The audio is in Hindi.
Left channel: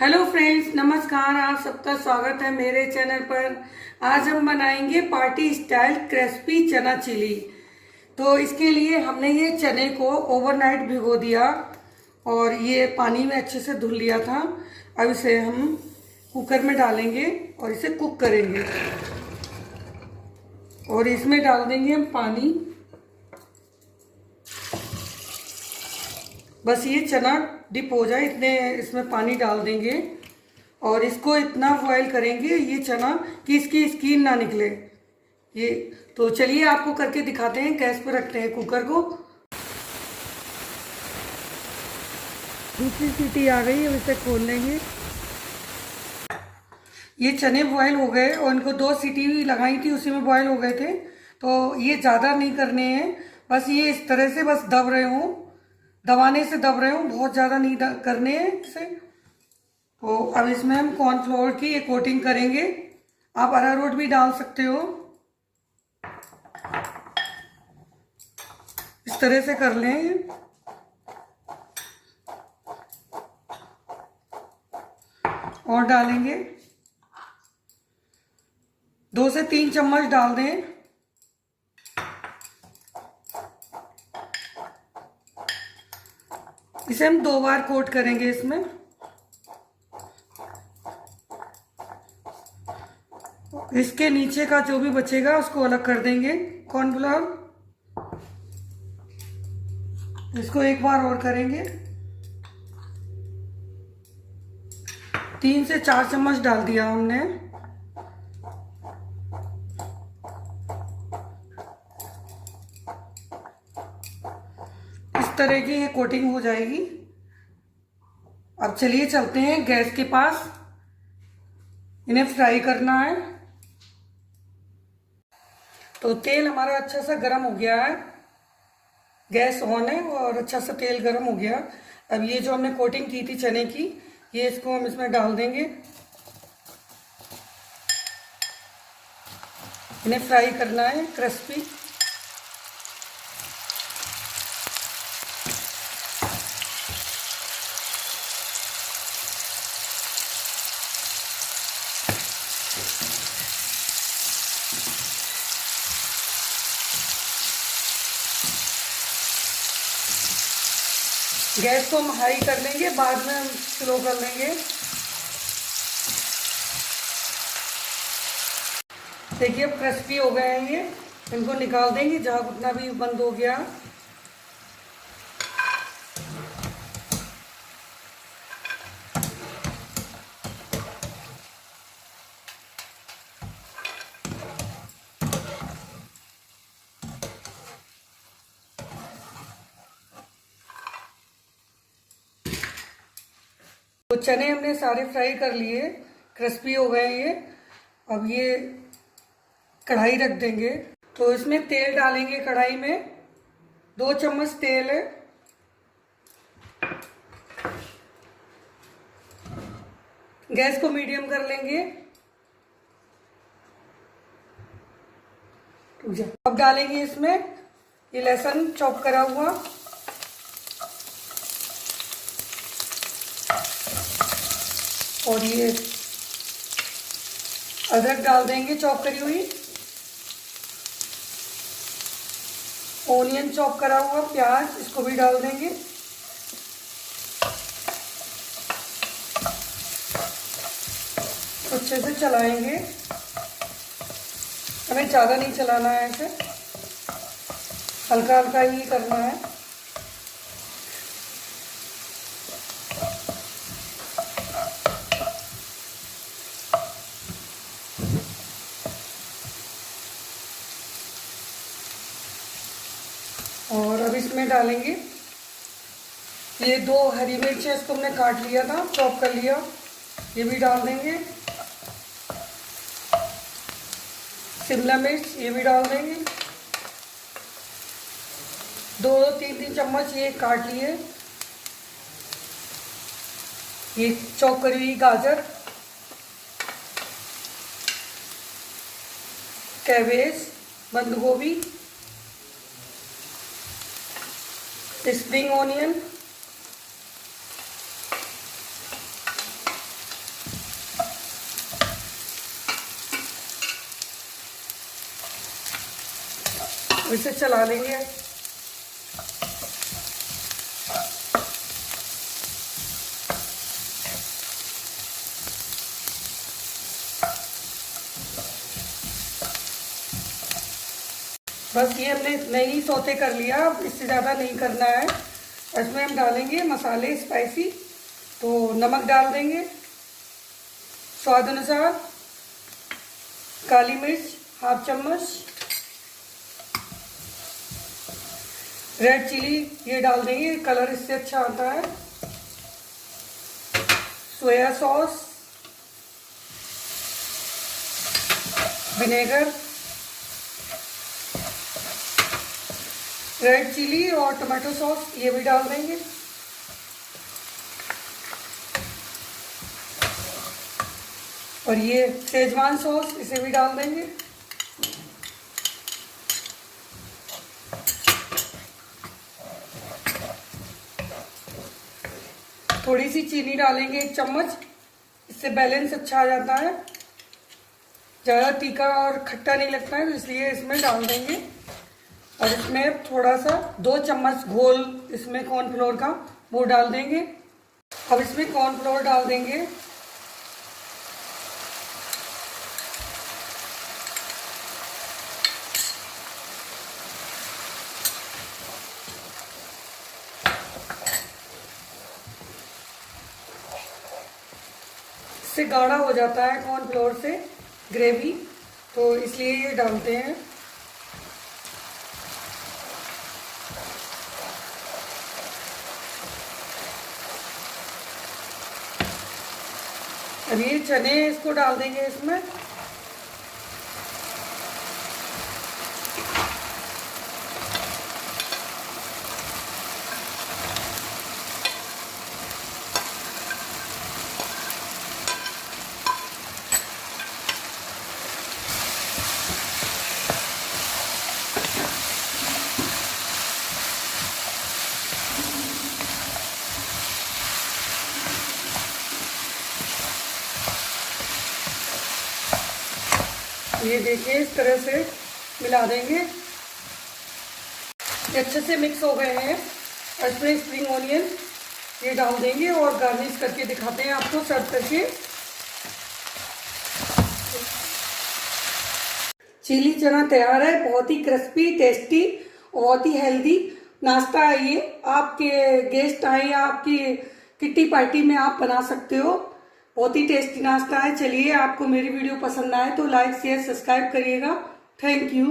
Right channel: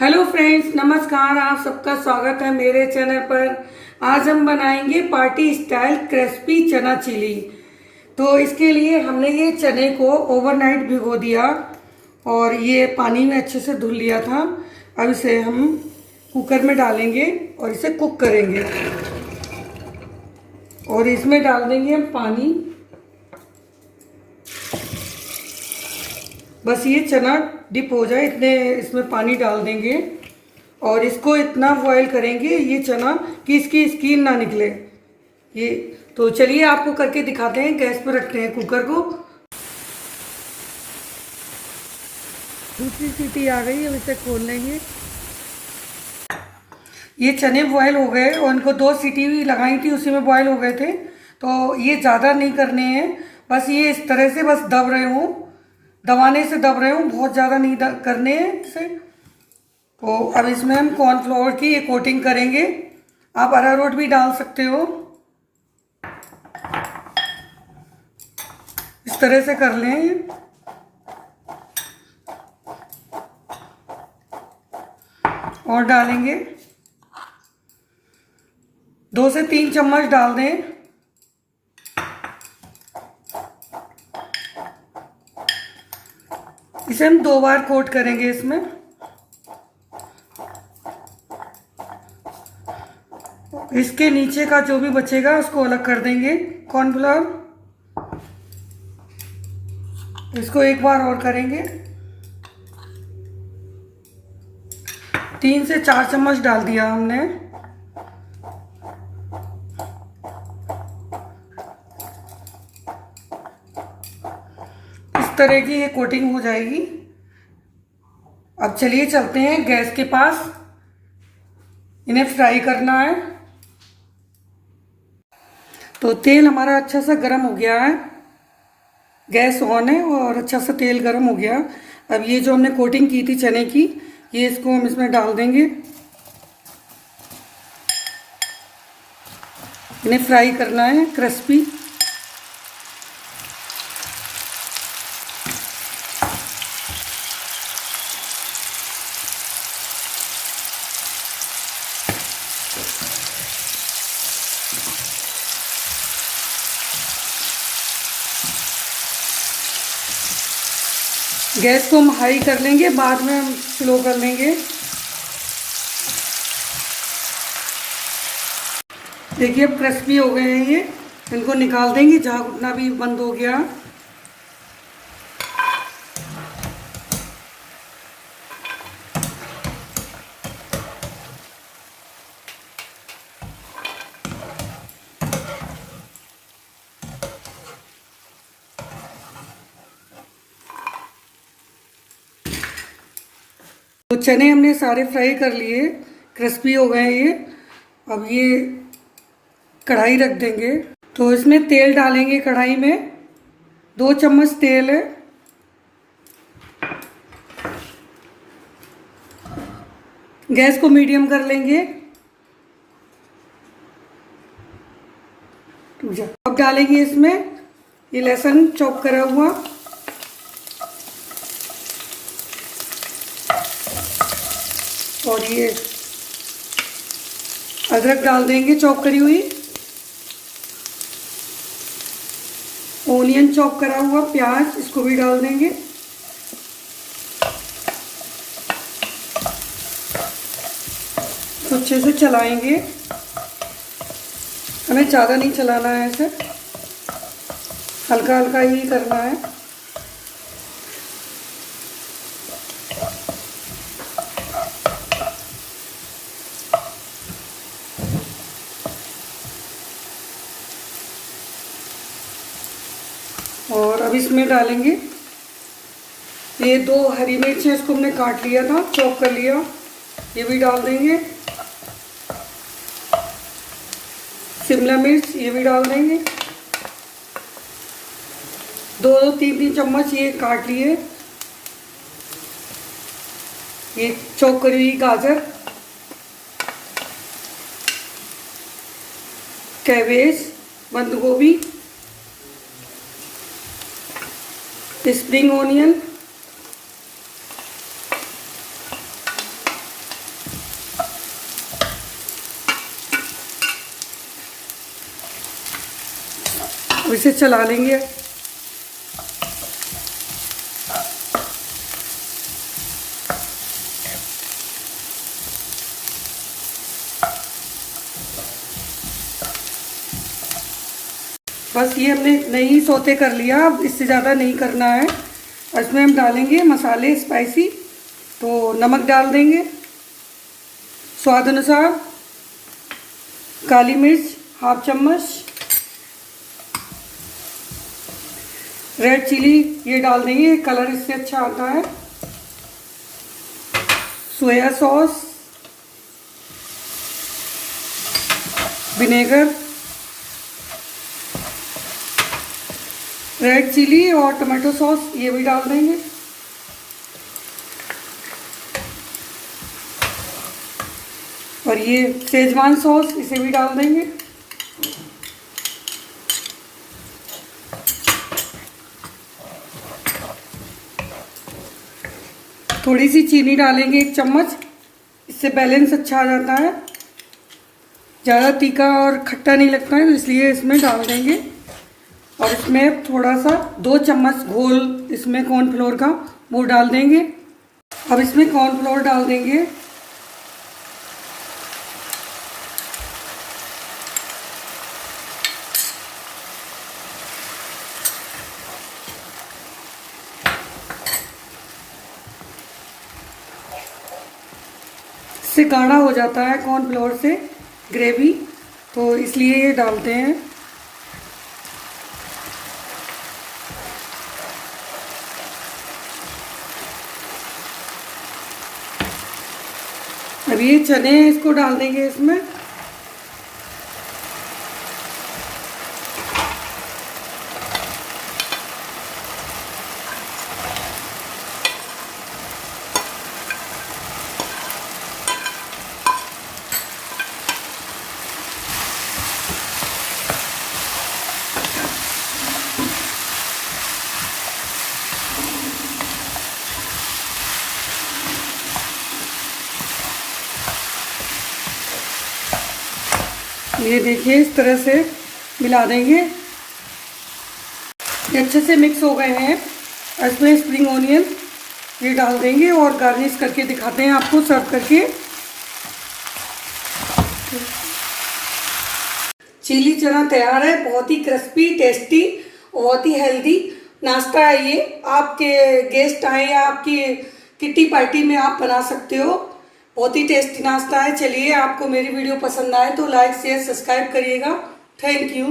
हेलो फ्रेंड्स, नमस्कार। आप सबका स्वागत है मेरे चैनल पर। आज हम बनाएंगे पार्टी स्टाइल क्रिस्पी चना चिली। तो इसके लिए हमने ये चने को ओवरनाइट भिगो दिया और ये पानी में अच्छे से धुल लिया था। अब इसे हम कुकर में डालेंगे और इसे कुक करेंगे और इसमें डाल देंगे हम पानी। बस ये चना डिप हो जाए इतने इसमें पानी डाल देंगे और इसको इतना बॉईल करेंगे ये चना कि इसकी स्किन ना निकले। ये तो चलिए आपको करके दिखाते हैं। गैस पर रखते हैं कुकर को। दूसरी सीटी आ गई, अब इसे खोल लेंगे। ये चने बॉयल हो गए और इनको 2 सीटी भी लगाई थी, उसी में बॉयल हो गए थे। तो ये ज़्यादा नहीं करने हैं, बस ये इस तरह से बस दब रहे हों, दबाने से दब रहे हूँ, बहुत ज़्यादा नहीं करने हैं इसे। तो अब इसमें हम कॉर्नफ्लोर की एक कोटिंग करेंगे। आप अरारोट भी डाल सकते हो। इस तरह से कर लें और डालेंगे 2 से 3 चम्मच डाल दें। इसे हम 2 बार कोट करेंगे इसमें। इसके नीचे का जो भी बचेगा उसको अलग कर देंगे कॉर्नफ्लोर। इसको एक बार और करेंगे। 3 से 4 चम्मच डाल दिया हमने। इस तरह की ये कोटिंग हो जाएगी। अब चलिए चलते हैं गैस के पास, इन्हें फ्राई करना है। तो तेल हमारा अच्छा सा गर्म हो गया है, गैस ऑन है और अच्छा सा तेल गर्म हो गया। अब ये जो हमने कोटिंग की थी चने की, ये इसको हम इसमें डाल देंगे। इन्हें फ्राई करना है क्रिस्पी। गैस को हम हाई कर लेंगे, बाद में हम स्लो कर लेंगे। देखिए अब क्रिस्पी हो गए हैं ये। इनको निकाल देंगे, झाग उठना भी बंद हो गया। तो चने हमने सारे फ्राई कर लिए, क्रिस्पी हो गए ये। अब ये कढ़ाई रख देंगे। तो इसमें तेल डालेंगे कढ़ाई में। 2 चम्मच तेल है। गैस को मीडियम कर लेंगे। अब डालेंगे इसमें ये लहसुन चॉप करा हुआ, और ये अदरक डाल देंगे चॉप करी हुई। ओनियन चॉप करा हुआ, प्याज, इसको भी डाल देंगे। तो अच्छे से चलाएंगे, हमें ज़्यादा नहीं चलाना है, ऐसे हल्का हल्का ही करना है। और अब इसमें डालेंगे ये 2 हरी मिर्च है, इसको हमने काट लिया था, चॉप कर लिया, ये भी डाल देंगे। शिमला मिर्च ये भी डाल देंगे। 2-3 चम्मच ये काट लिए। ये चॉप करी हुई गाजर, कैबेज, बंद गोभी, स्प्रिंग ओनियन, से चला लेंगे। बस ये हमने नहीं सोते कर लिया, अब इससे ज़्यादा नहीं करना है। इसमें हम डालेंगे मसाले स्पाइसी, तो नमक डाल देंगे स्वाद अनुसार, काली मिर्च हाफ चम्मच, रेड चिली ये डाल देंगे, कलर इससे अच्छा आता है, soya sauce, vinegar, red chilli और टमाटो सॉस ये भी डाल देंगे। और ये शेजवान सॉस इसे भी डाल देंगे। थोड़ी सी चीनी डालेंगे 1 चम्मच, इससे बैलेंस अच्छा आ जाता है, ज़्यादा तीखा और खट्टा नहीं लगता है, तो इसलिए इसमें डाल देंगे। और इसमें थोड़ा सा 2 चम्मच घोल इसमें कॉर्नफ्लोर का वो डाल देंगे। अब इसमें कॉर्नफ्लोर डाल देंगे। इससे गाढ़ा हो जाता है कॉर्नफ्लोर से ग्रेवी, तो इसलिए ये डालते हैं। अब ये चने इसको डाल देंगे इसमें। ये देखिए इस तरह से मिला देंगे। ये अच्छे से मिक्स हो गए हैं। इसमें स्प्रिंग ओनियन ये डाल देंगे और गार्निश करके दिखाते हैं आपको सर्व करके। चिली चना तैयार है, बहुत ही क्रिस्पी, टेस्टी, बहुत ही हेल्दी नाश्ता है ये। आपके गेस्ट आए या आपकी किट्टी पार्टी में आप बना सकते हो, बहुत ही टेस्टी नाश्ता है। चलिए, आपको मेरी वीडियो पसंद आए तो लाइक शेयर सब्सक्राइब करिएगा। Thank you.